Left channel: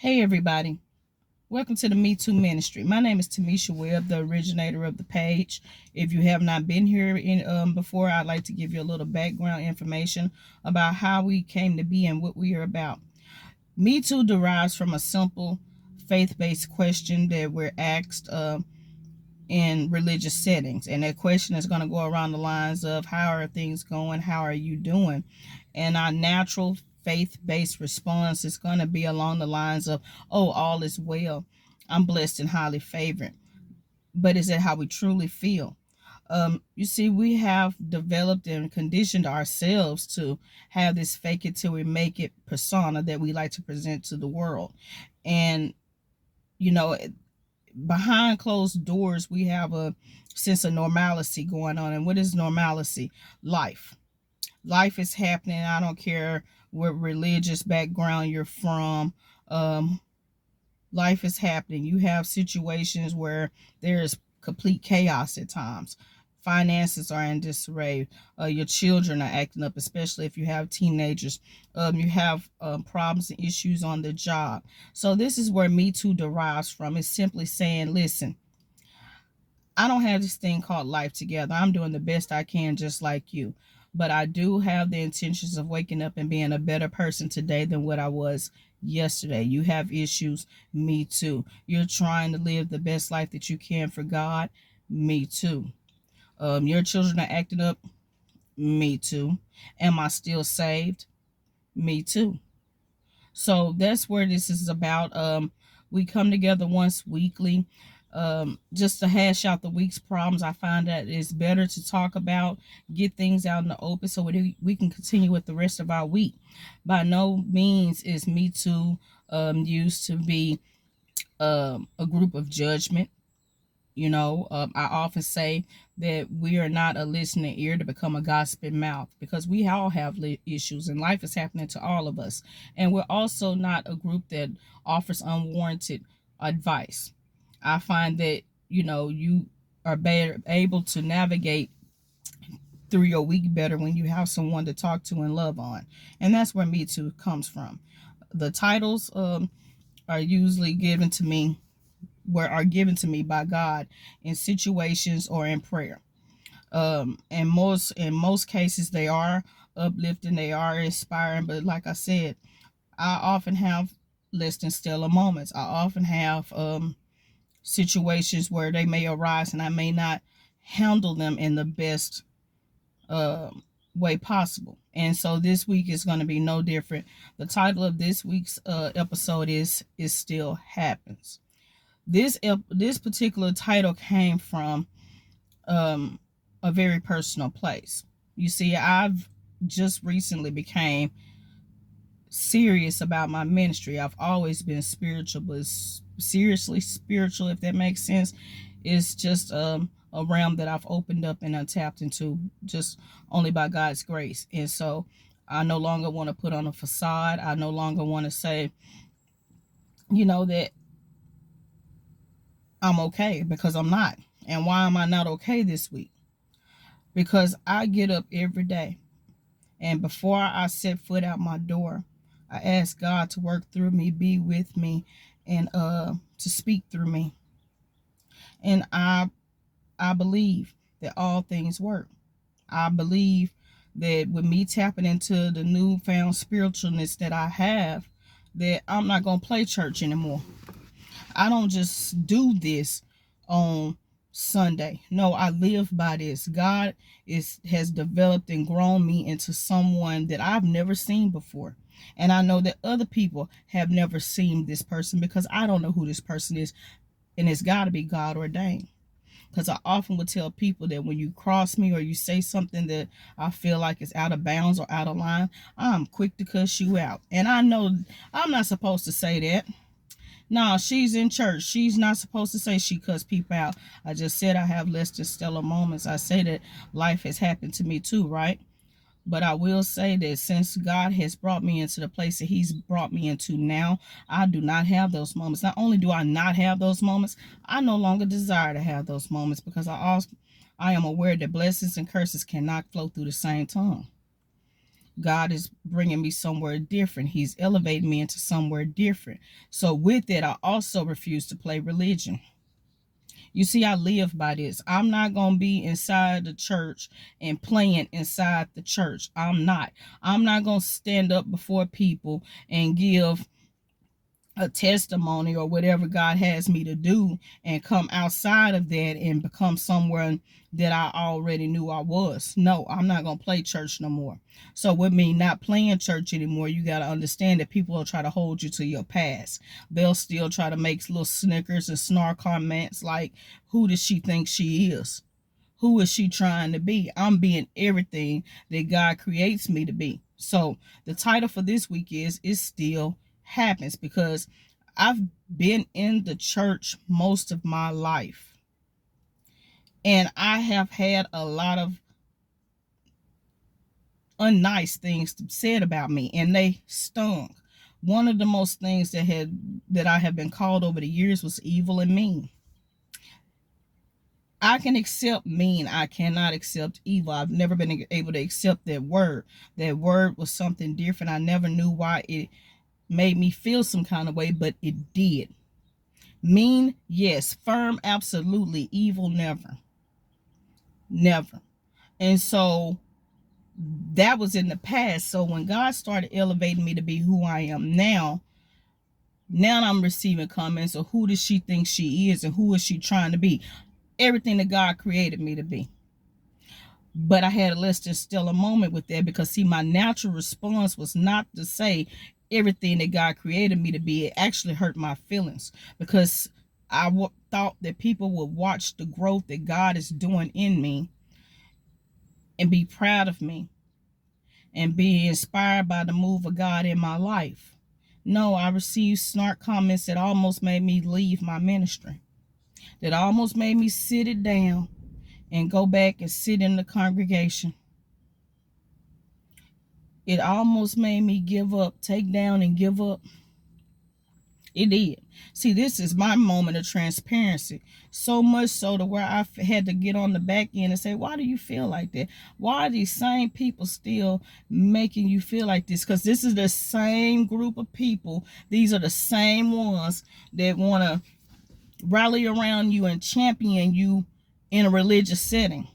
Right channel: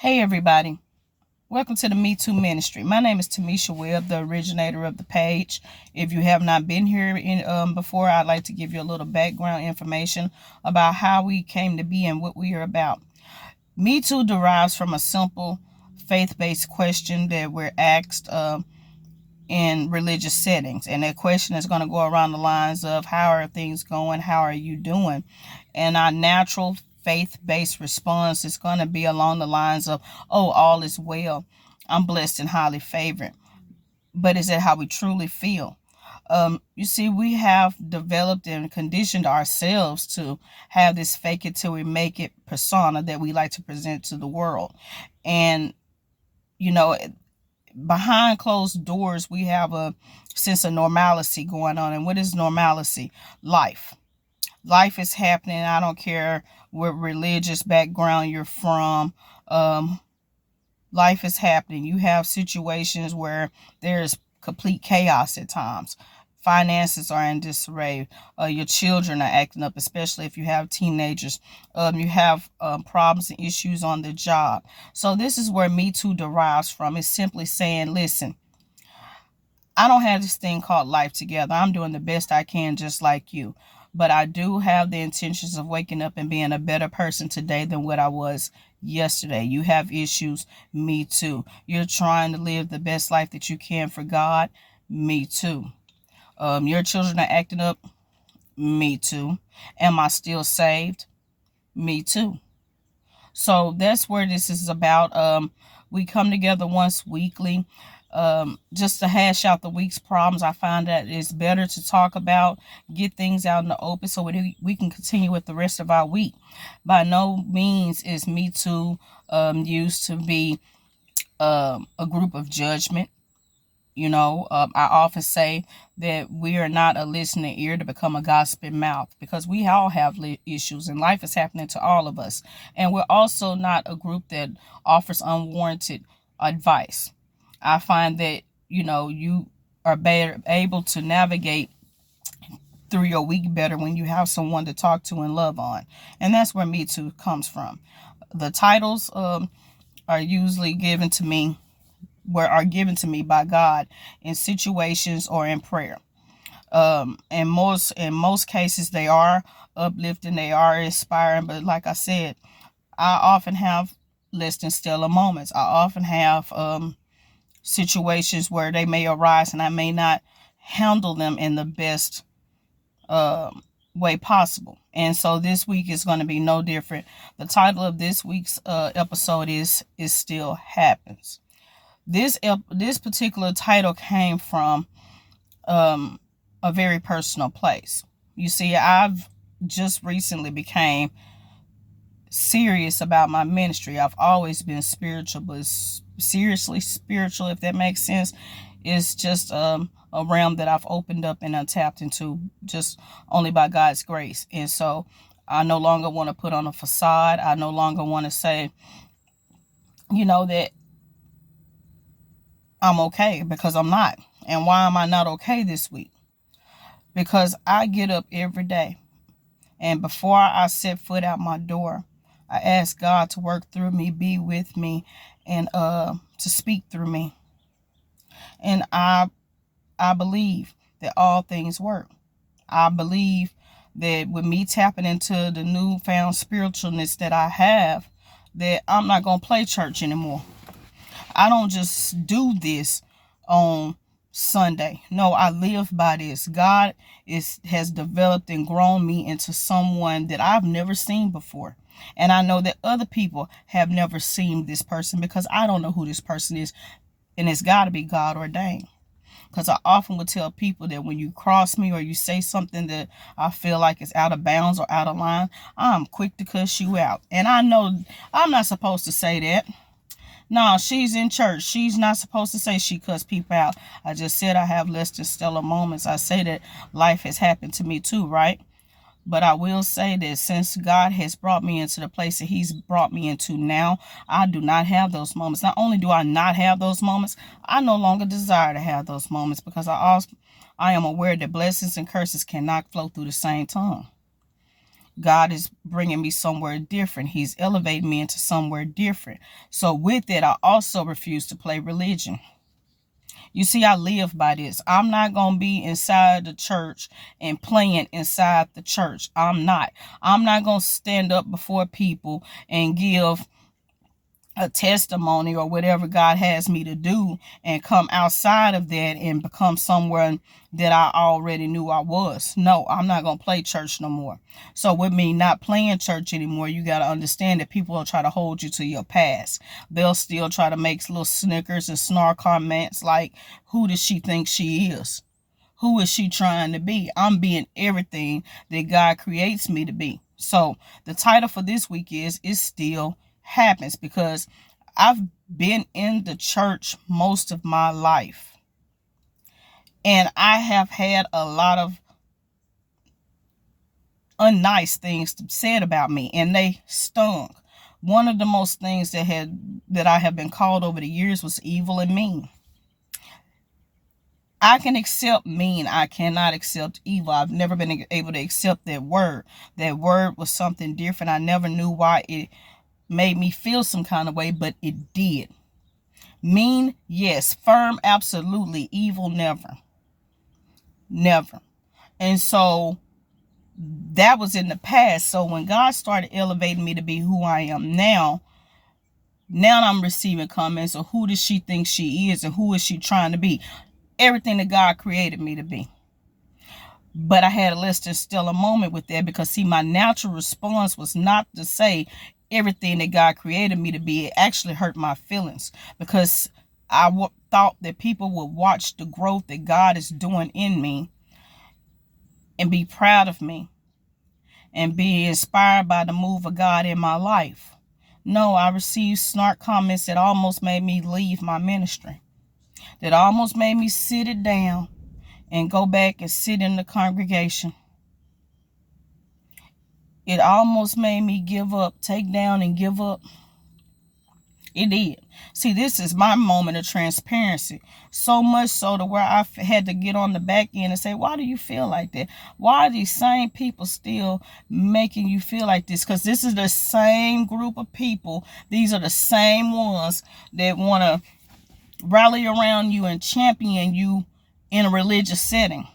Hey everybody, welcome to the Me Too Ministry. My name is Tamisha Webb, the originator of the page. If you have not been here before, I'd like to give you a little background information about how we came to be and what we are about. Me Too derives from a simple faith-based question that we're asked in religious settings, and that question is going to go around the lines of how are things going, how are you doing, and our natural faith-based response is going to be along the lines of, oh, all is well, I'm blessed and highly favored. But is that how we truly feel? You see, we have developed and conditioned ourselves to have this fake it till we make it persona that we like to present to the world. And you know, behind closed doors, we have a sense of normalcy going on. And what is normalcy? Life. Life is happening. I don't care what religious background you're from. Life is happening. You have situations where there is complete chaos at times. Finances are in disarray. Your children are acting up, especially if you have teenagers. You have problems and issues on the job. So this is where Me Too derives from. It's simply saying, listen, I don't have this thing called life together. I'm doing the best I can just like you. But I do have the intentions of waking up and being a better person today than what I was yesterday. You have issues. Me too. You're trying to live the best life that you can for God. Me too. Your children are acting up. Me too. Am I still saved? Me too. So that's where this is about. We come together once weekly just to hash out the week's problems. I find that it's better to talk about, get things out in the open so we can continue with the rest of our week. By no means is Me Too used to be a group of judgment. I often say that we are not a listening ear to become a gossiping mouth, because we all have issues and life is happening to all of us. And we're also not a group that offers unwarranted advice. I find that, you are better able to navigate through your week better when you have someone to talk to and love on. And that's where Me Too comes from. The titles are usually given to me by God in situations or in prayer. In most cases, they are uplifting, they are inspiring. But like I said, I often have less than stellar moments. I often have situations where they may arise and I may not handle them in the best way possible. And so this week is going to be no different. The title of this week's episode is "It Still Happens." This particular title came from a very personal place. You see, I've just recently became serious about my ministry. I've always been spiritual, but seriously spiritual, if that makes sense. It's just a realm that I've opened up and untapped into just only by God's grace. And so I no longer want to put on a facade. I no longer want to say, that I'm okay, because I'm not. And why am I not okay this week? Because I get up every day, and before I set foot out my door, I ask God to work through me, be with me, and to speak through me. And I believe that all things work. I believe that with me tapping into the newfound spiritualness that I have, that I'm not going to play church anymore. I don't just do this on Sunday. No, I live by this. God has developed and grown me into someone that I've never seen before. And I know that other people have never seen this person, because I don't know who this person is. And it's got to be God ordained. Because I often would tell people that when you cross me or you say something that I feel like is out of bounds or out of line, I'm quick to cuss you out. And I know I'm not supposed to say that. No, she's in church. She's not supposed to say she cuss people out. I just said I have less than stellar moments. I say that life has happened to me too, right? But I will say that since God has brought me into the place that he's brought me into now, I do not have those moments. Not only do I not have those moments, I no longer desire to have those moments, because I am aware that blessings and curses cannot flow through the same tongue. God is bringing me somewhere different. He's elevating me into somewhere different. So with it, I also refuse to play religion. You see, I live by this. I'm not going to be inside the church and playing inside the church. I'm not. I'm not going to stand up before people and give a testimony or whatever God has me to do and come outside of that and become someone that I already knew I was. No, I'm not going to play church no more. So with me not playing church anymore, you got to understand that people will try to hold you to your past. They'll still try to make little snickers and snark comments like, who does she think she is? Who is she trying to be? I'm being everything that God creates me to be. So the title for this week is It Still Happens, because I've been in the church most of my life. And I have had a lot of unnice things said about me, and they stung. One of the most things that I have been called over the years was evil and mean. I can accept mean. I cannot accept evil. I've never been able to accept that word. That word was something different. I never knew why it made me feel some kind of way, but it did. Mean, yes. Firm, absolutely. Evil, never. Never. And so that was in the past. So when God started elevating me to be who I am now I'm receiving comments of who does she think she is and who is she trying to be. Everything that God created me to be. But I had a less than stellar moment with that, because see, my natural response was not to say everything that God created me to be. It actually hurt my feelings, because I thought that people would watch the growth that God is doing in me and be proud of me and be inspired by the move of God in my life. No, I received snark comments that almost made me leave my ministry. That almost made me sit it down and go back and sit in the congregation. It almost made me give up, take down and give up. It did. See, this is my moment of transparency. So much so to where I had to get on the back end and say, why do you feel like that? Why are these same people still making you feel like this? Because this is the same group of people. These are the same ones that want to rally around you and champion you in a religious setting.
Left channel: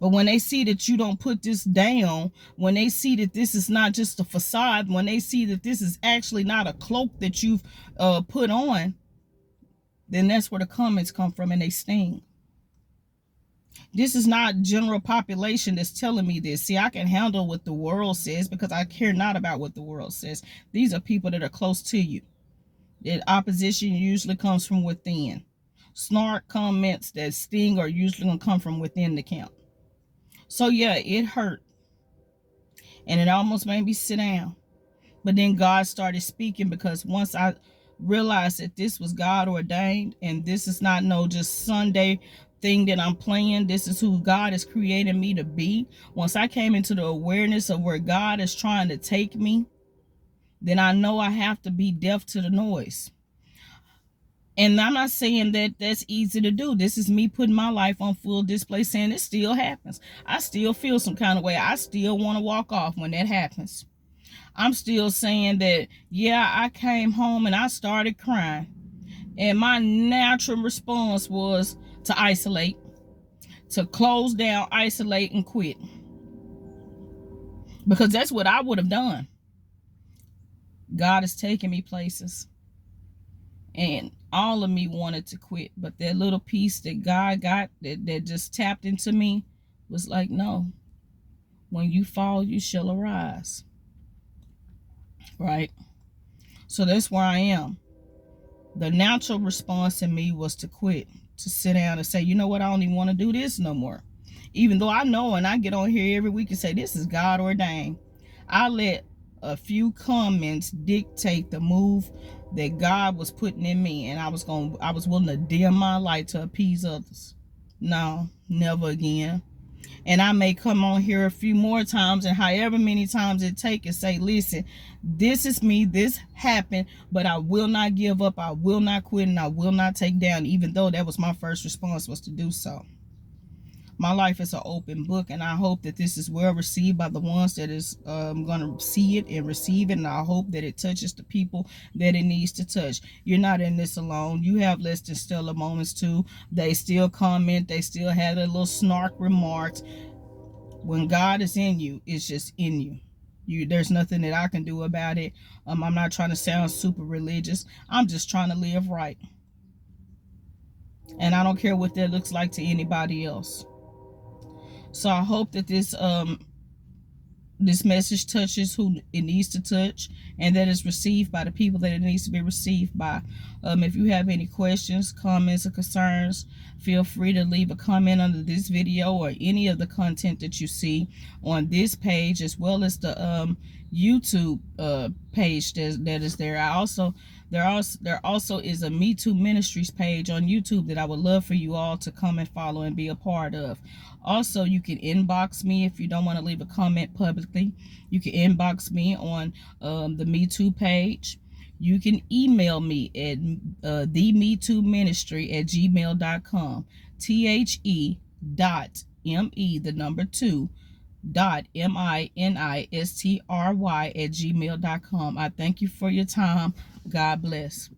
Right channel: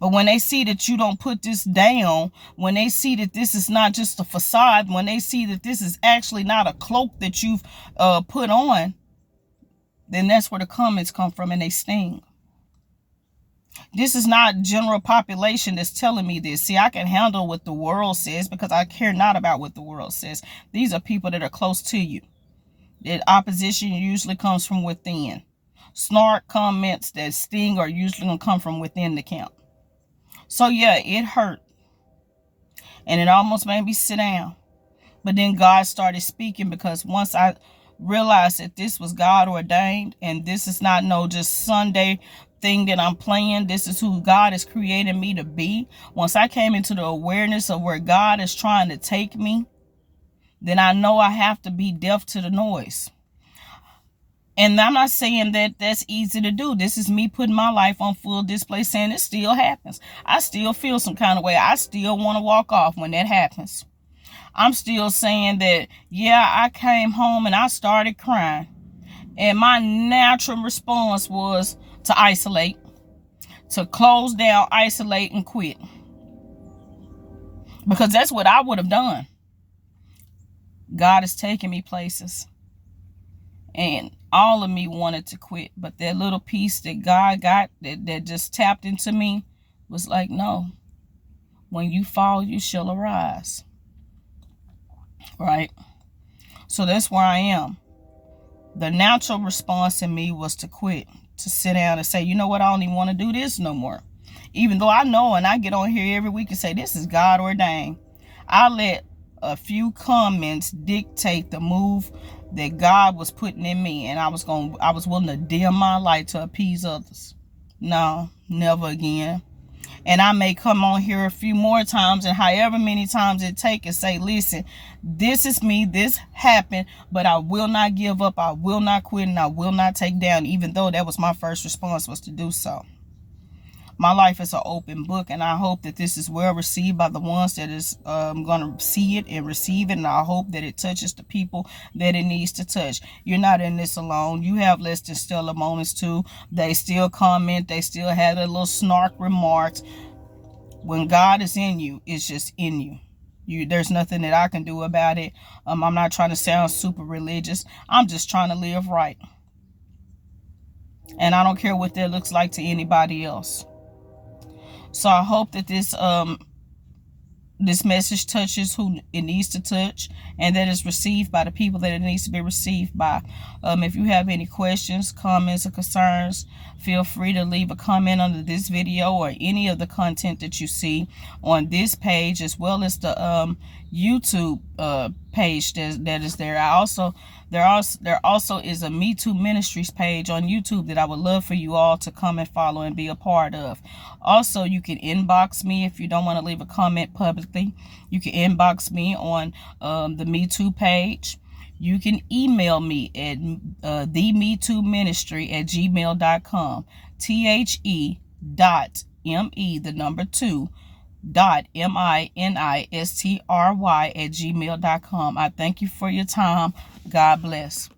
But when they see that you don't put this down, when they see that this is not just a facade, when they see that this is actually not a cloak that you've put on, then that's where the comments come from, and they sting. This is not general population that's telling me this. See, I can handle what the world says because I care not about what the world says. These are people that are close to you. That opposition usually comes from within. Snark comments that sting are usually going to come from within the camp. So yeah, it hurt. And it almost made me sit down. But then God started speaking, because once I realized that this was God ordained, and this is not no just Sunday thing that I'm playing. This is who God has created me to be. Once I came into the awareness of where God is trying to take me, then I know I have to be deaf to the noise. And I'm not saying that that's easy to do. This is me putting my life on full display, saying it still happens. I still feel some kind of way. I still want to walk off when that happens. I'm still saying that, yeah, I came home and I started crying. And my natural response was to isolate, to close down, isolate, and quit. Because that's what I would have done. God is taking me places. And all of me wanted to quit. But that little piece that God got that just tapped into me was like, no. When you fall, you shall arise. Right? So that's where I am. The natural response in me was to quit. To sit down and say, you know what? I don't even want to do this no more. Even though I know, and I get on here every week and say, this is God ordained. I let a few comments dictate the move that God was putting in me, and I was willing to dim my light to appease others. No, never again. And I may come on here a few more times, and however many times it take, and say, listen, this is me, this happened, but I will not give up, I will not quit, and I will not take down, even though that was my first response, was to do so. My life is an open book, and I hope that this is well received by the ones that is going to see it and receive it, and I hope that it touches the people that it needs to touch. You're not in this alone. You have less than stellar moments too. They still comment. They still have a little snark remarks. When God is in you, it's just in you. There's nothing that I can do about it. I'm not trying to sound super religious. I'm just trying to live right. And I don't care what that looks like to anybody else. So I hope that this message touches who it needs to touch, and that it's received by the people that it needs to be received by. If you have any questions, comments, or concerns, feel free to leave a comment under this video or any of the content that you see on this page, as well as the YouTube page that is there. There also is a Me Too Ministries page on YouTube that I would love for you all to come and follow and be a part of. Also, you can inbox me if you don't want to leave a comment publicly. You can inbox me on the Me Too page. You can email me at themetooministry@gmail.com. THE.ME2.MINISTRY@gmail.com. I thank you for your time. God bless.